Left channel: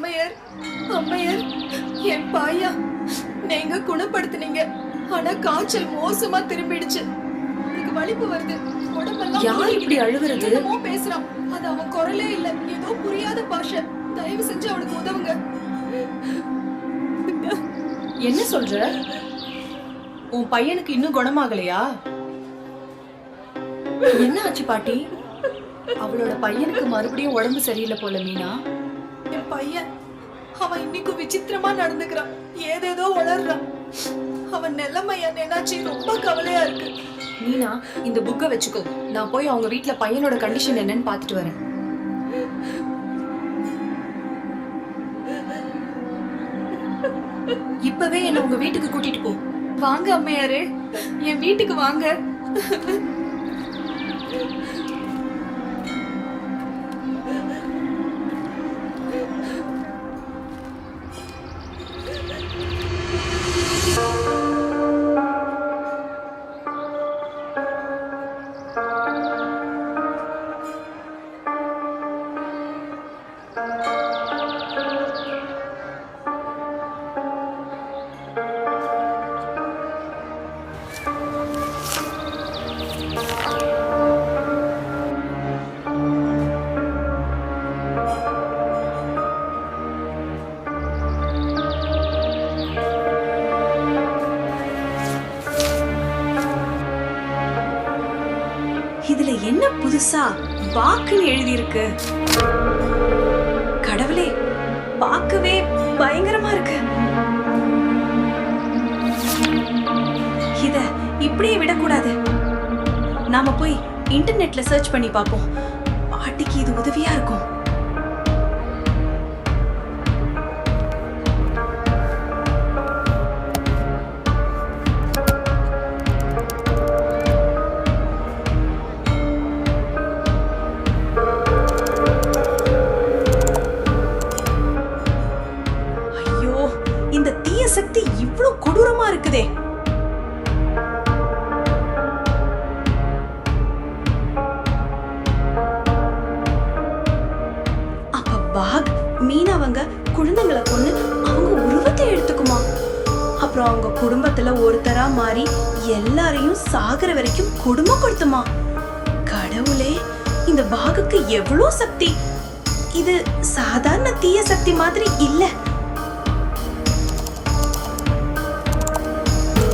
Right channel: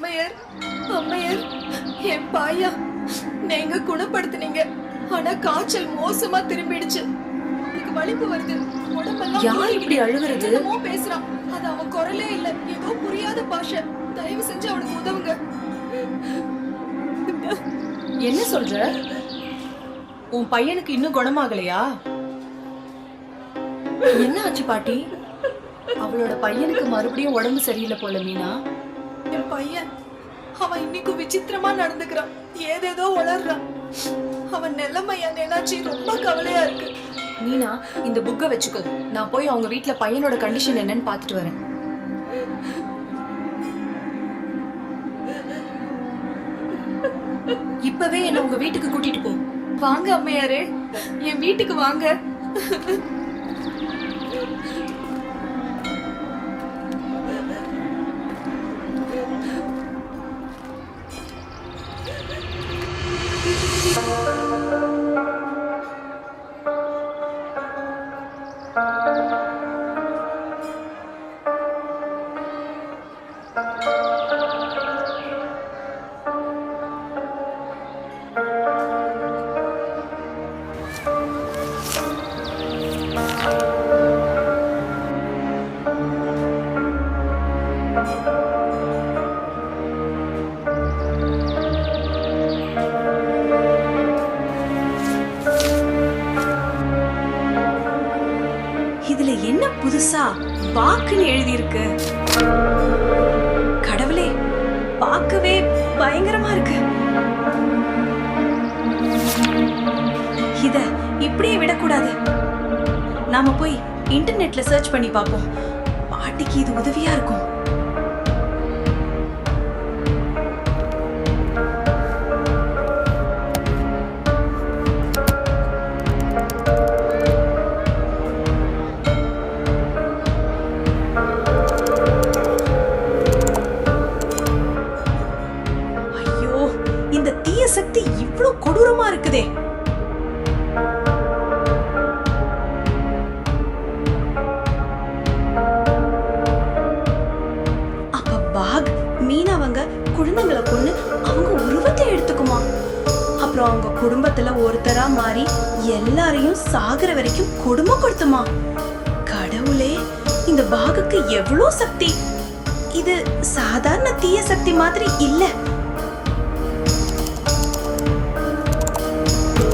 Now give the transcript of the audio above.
அம்மையார், அம்மையார், என் பாயா நீங்க குணப்படுத்துனீங்க. ஆனா காய்ச்சல் மோசமா திரும்பிடுச்சு. எனக்கு வலிப்பு வருது. உடம்பெல்லாம் யார் இப்படி அழுகுறது? என்னமோ பேசுறான். அது அவன் குரலே இல்ல, ஏதோ புரியாத பாஷை. தயவு செஞ்சு அவனுக்கு உதவுங்க. என்ன சொல்ற? உன் பையனுக்கு இன்னும் குணமாகலையா? என்ன ஆச்சு பாட்டி? அவளோட பையனுக்கு மறுபடியும் உடம்பு சரியில்லை போல மீனா. என் பையன் அவன் இன்னைக்கு விசித்திரமா நடந்துக்கிறான். ஏதேதோ உளறான். அவன் நிலைமையா நினைச்சு ரொம்ப கவலையா இருக்கு. மீனா, இந்த புக்கை வச்சுக்கோ. நான் போய் அவங்க வீட்ல பையனோட கண்டிஷன் என்னன்னு பாத்துட்டு வரேன். இப்பவே என்ன உங்க வீட்டுக்கு கூட்டிட்டு போ. வாங்க அம்மையாரே, என் வீட்டுக்கு வாங்க. இதுல என்ன புதுசா பாக்குன்னு எழுதி இருக்கு? கடவுளே, பார்க்கவே பயங்கரமா இருக்கு. இத இப்படியே விடக்கூடாது. நாம போய் இன்டர்நெட்ல சர்ச் பண்ணி பார்ப்போம். பாட்டிக்கு இது உதவியா இருக்கும். ஐயோ, இந்த தீய சக்தி இவ்ளோ கொடூரமா இருக்குதே. அப்ப பாக் மீனவங்க குழந்தைங்களை கொன்னு அவங்க உருவத்தை எடுத்துக்குமா? அப்புறம் அவங்க குடும்பத்துல ஒருத்தரா மாறி எல்லாரையும் சாகுற வரைக்கும் கொடுமைப்படுத்துமா? கடவுளே, இந்த பாகுக்கு எவ்வளோ சக்தி! இது சாதாரண தீய சக்தி மாதிரி இல்ல.